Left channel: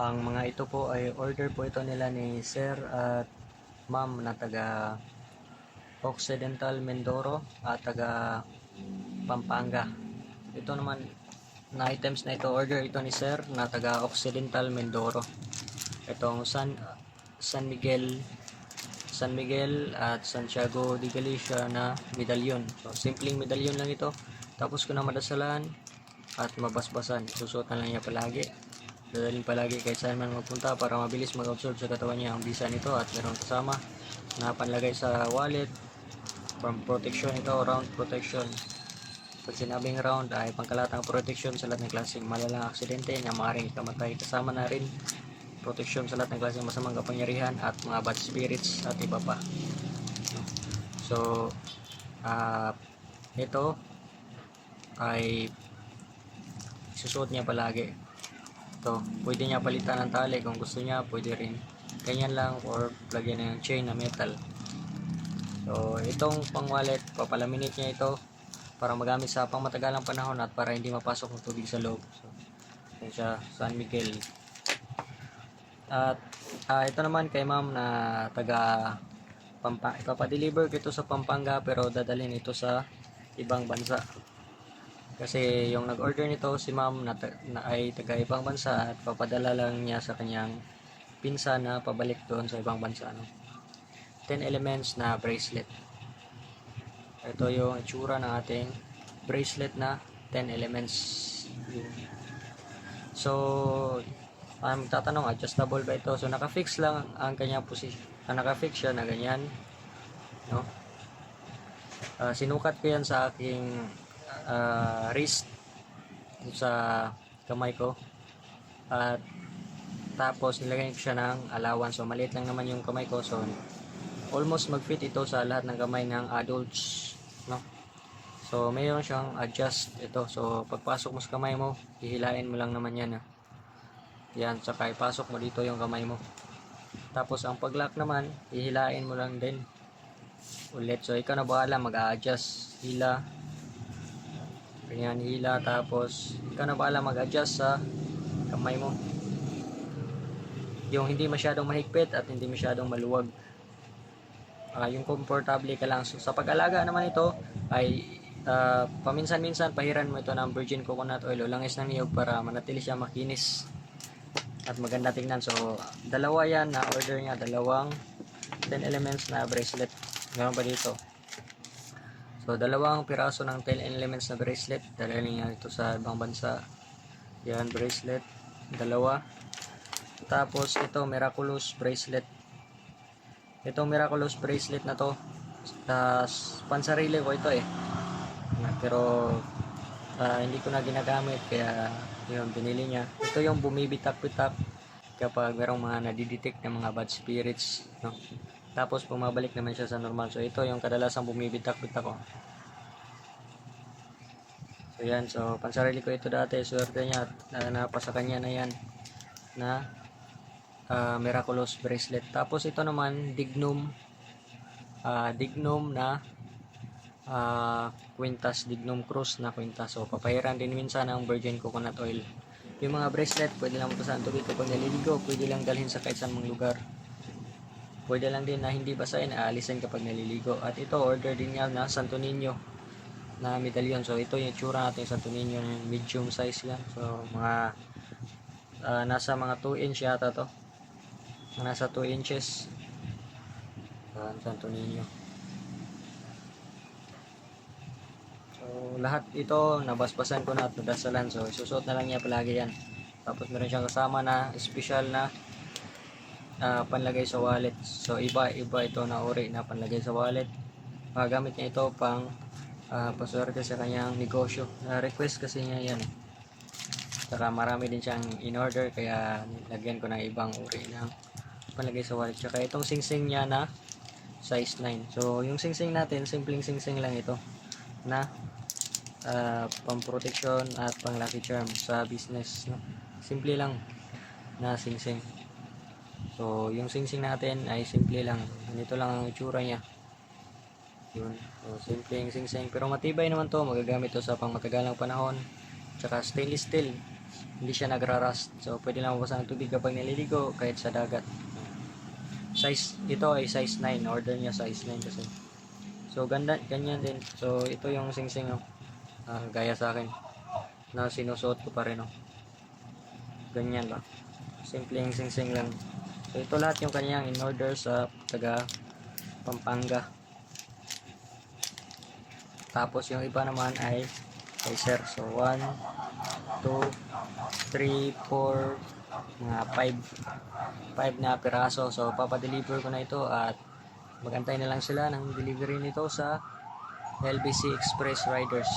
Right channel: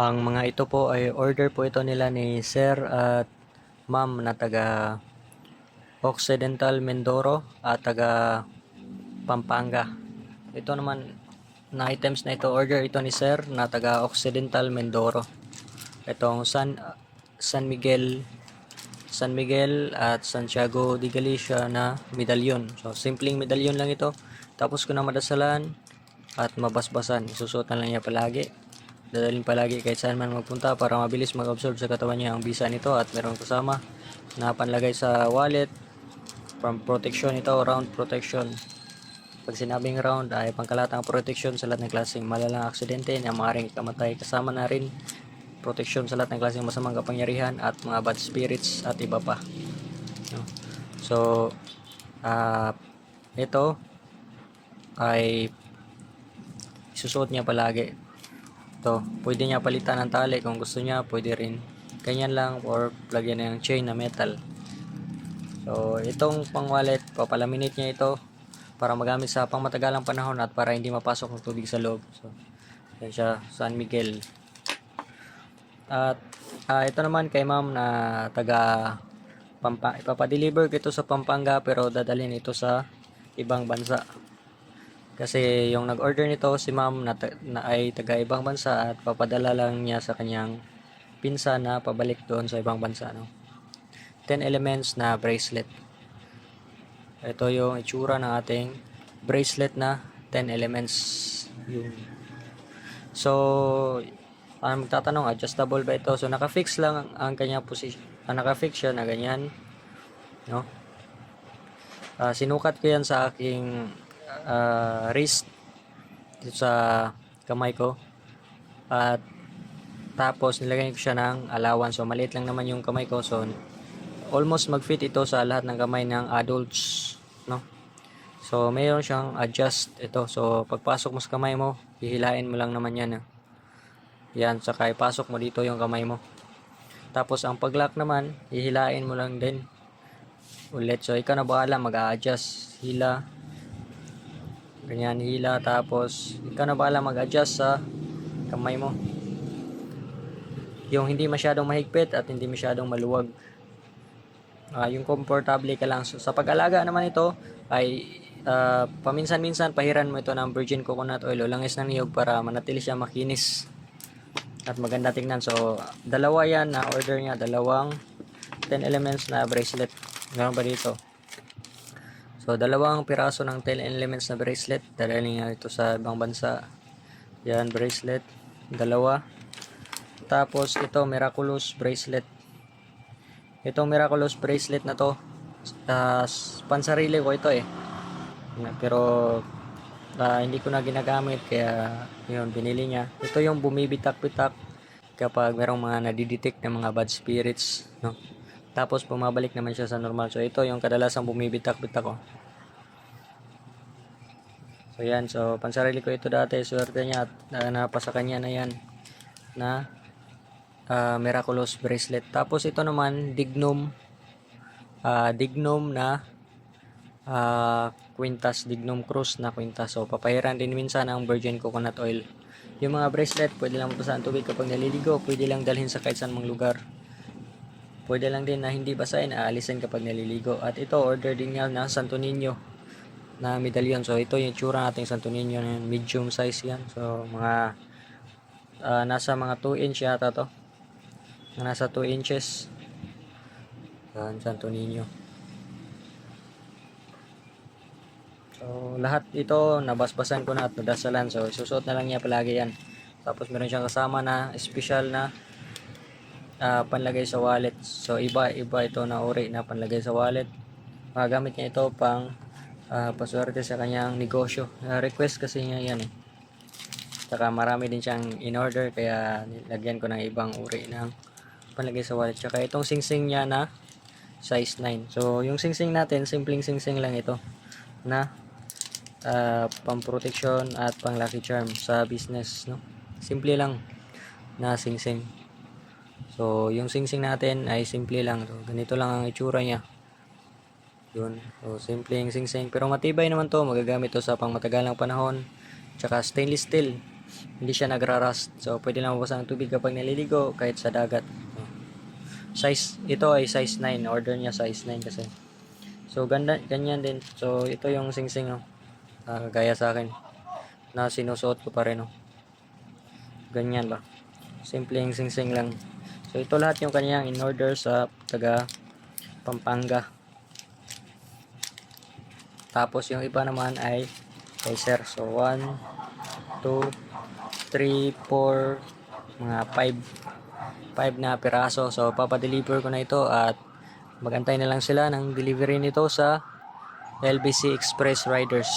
Ang mga ito po ay order po ito nila ni Sir at Ma'am na taga Occidental Mindoro at taga Pampanga. Ito naman na items na ito order ito ni Sir na taga Occidental Mindoro. Itong San San Miguel San Miguel at Santiago de Galicia na medalyon. So simpleng medalyon lang ito. Tapos ko na madasalan at mabasbasan. Susuotan lang niya palagi. Dadalhin palagi kahit saan man magpunta para mabilis mag-absorb sa katawan niya ang bisa nito at meron kasama na panlagay sa wallet from protection ito round protection. Pag sinabing round ay pangkalatang protection sa lahat ng klaseng malalang aksidente na maaaring kamatay. Kasama na rin protection sa lahat ng klaseng masamang kapangyarihan at mga bad spirits at iba pa. So ah ito ay susuot niya palagi to pwede niya palitan ng tali. Kung gusto niya pwede rin. Ganyan lang or lagyan na ng chain na metal. So itong pang wallet papalaminate niya ito para magamit sa pangmatagalang panahon at para hindi mapasok ng tubig sa loob. So yan siya San Miguel. At ah, ito naman kay ma'am na taga Pampa ipapadeliver ko ito sa Pampanga pero dadalhin ito sa ibang bansa kasi yung nag-order nito si ma'am na, na ay taga ibang bansa at papadala lang niya sa kanyang pinsa na pabalik doon sa ibang bansa. No? 10 elements na bracelet. Ito yung itsura ng ating bracelet na 10 elements. So, ang magtatanong, adjustable ba ito? So, naka-fix lang ang kanya position. Ah, naka-fix siya na ganyan. No? Ah, sinukat ko yan sa aking ah, wrist dito sa kamay ko. At tapos nilagay ko siya ng allowance. So maliit lang naman yung kamay ko. So almost mag-fit ito sa lahat ng kamay ng adults no? So mayroon siyang adjust ito. So pagpasok mo sa kamay mo hihilain mo lang naman yan eh. yan saka ipasok mo dito yung kamay mo. Tapos ang pag-lock naman hihilain mo lang din ulit. So ikaw na bahala mag-a-adjust. Hila ganyan hila tapos ikaw na bahala mag-adjust sa kamay mo? Yung hindi masyadong mahigpit at hindi masyadong maluwag. Ah, yung komportable ka lang. So, sa pag-alaga naman ito ay ah, paminsan-minsan pahiran mo ito ng virgin coconut oil o langis ng niyog para manatili siya makinis. At maganda tingnan. So dalawa yan na order niya. Dalawang 10 elements na bracelet. Meron pa dito So, dalawang piraso ng 10 elements na bracelet. Dalhin niya ito sa ibang bansa. Yan, bracelet. Dalawa. Tapos, ito, miraculous bracelet. Itong miraculous bracelet na to, uh, pansarili ko ito eh. Yan, pero, ah, hindi ko na ginagamit, kaya, yun, binili niya. Ito yung bumibitak-bitak kapag merong mga nadidetect na mga bad spirits, no? Tapos bumabalik naman siya sa normal. So ito yung kadalasang bumibitak-bitak ko. So yan, so pansarili ko ito dati, swerte niya at uh, napasa kanya na yan na ah, miraculous bracelet. Tapos ito naman dignum ah, dignum na ah, quintas dignum cruz na quintas. So papahiran din minsan ng virgin coconut oil. Yung mga bracelet, pwede lang mapasahan tubig kapag naliligo, pwede lang dalhin sa kahit saan mang lugar. Pwede lang din na hindi basahin, aalisin kapag naliligo. At ito, order din nga na Santo Niño na medallion. So, ito yung tsura nating Santo Niño, medium size yan. So, mga ah, nasa mga 2 inch yata to. Nasa 2 inches. Yan, Santo Niño. So, lahat ito, nabasbasan ko na at nadasalan. So, susuot na lang niya palagi yan. Tapos, meron siyang kasama na special na ah, panlagay sa wallet. So iba iba ito na uri na panlagay sa wallet. Magamit niya ito pang uh, paswerte sa kanyang negosyo. Na request kasi niya yan eh. Saka marami din siyang in order kaya nilagyan ko ng ibang uri ng panlagay sa wallet. Saka itong singsing niya na size 9. So yung singsing natin, simpleng singsing lang ito na uh, pang-protection at pang-lucky charm sa business. No? Simple lang na singsing. So, yung singsing natin ay simple lang. So, ganito lang ang itsura niya. Yun. So, simple yung singsing. Pero matibay naman to. Magagamit to sa pang matagalang panahon. Tsaka stainless steel. hindi siya nagra-rust. So, pwede lang mabawasan ng tubig kapag naliligo, kahit sa dagat. Size, ito ay size 9. Order niya size 9 kasi. So, ganda, ganyan din. So, ito yung sing-sing, oh. Ah, gaya sa akin. Na sinusuot ko pa rin, oh. Ganyan lang. Simple yung sing-sing lang. So, ito lahat yung kanyang in order sa taga Pampanga. Tapos, yung iba naman ay kay sir. So, 1, 2, 3, 4, mga 5 5 na piraso. So, papadeliver ko na ito at magantay na lang sila ng delivery nito sa LBC Express Riders.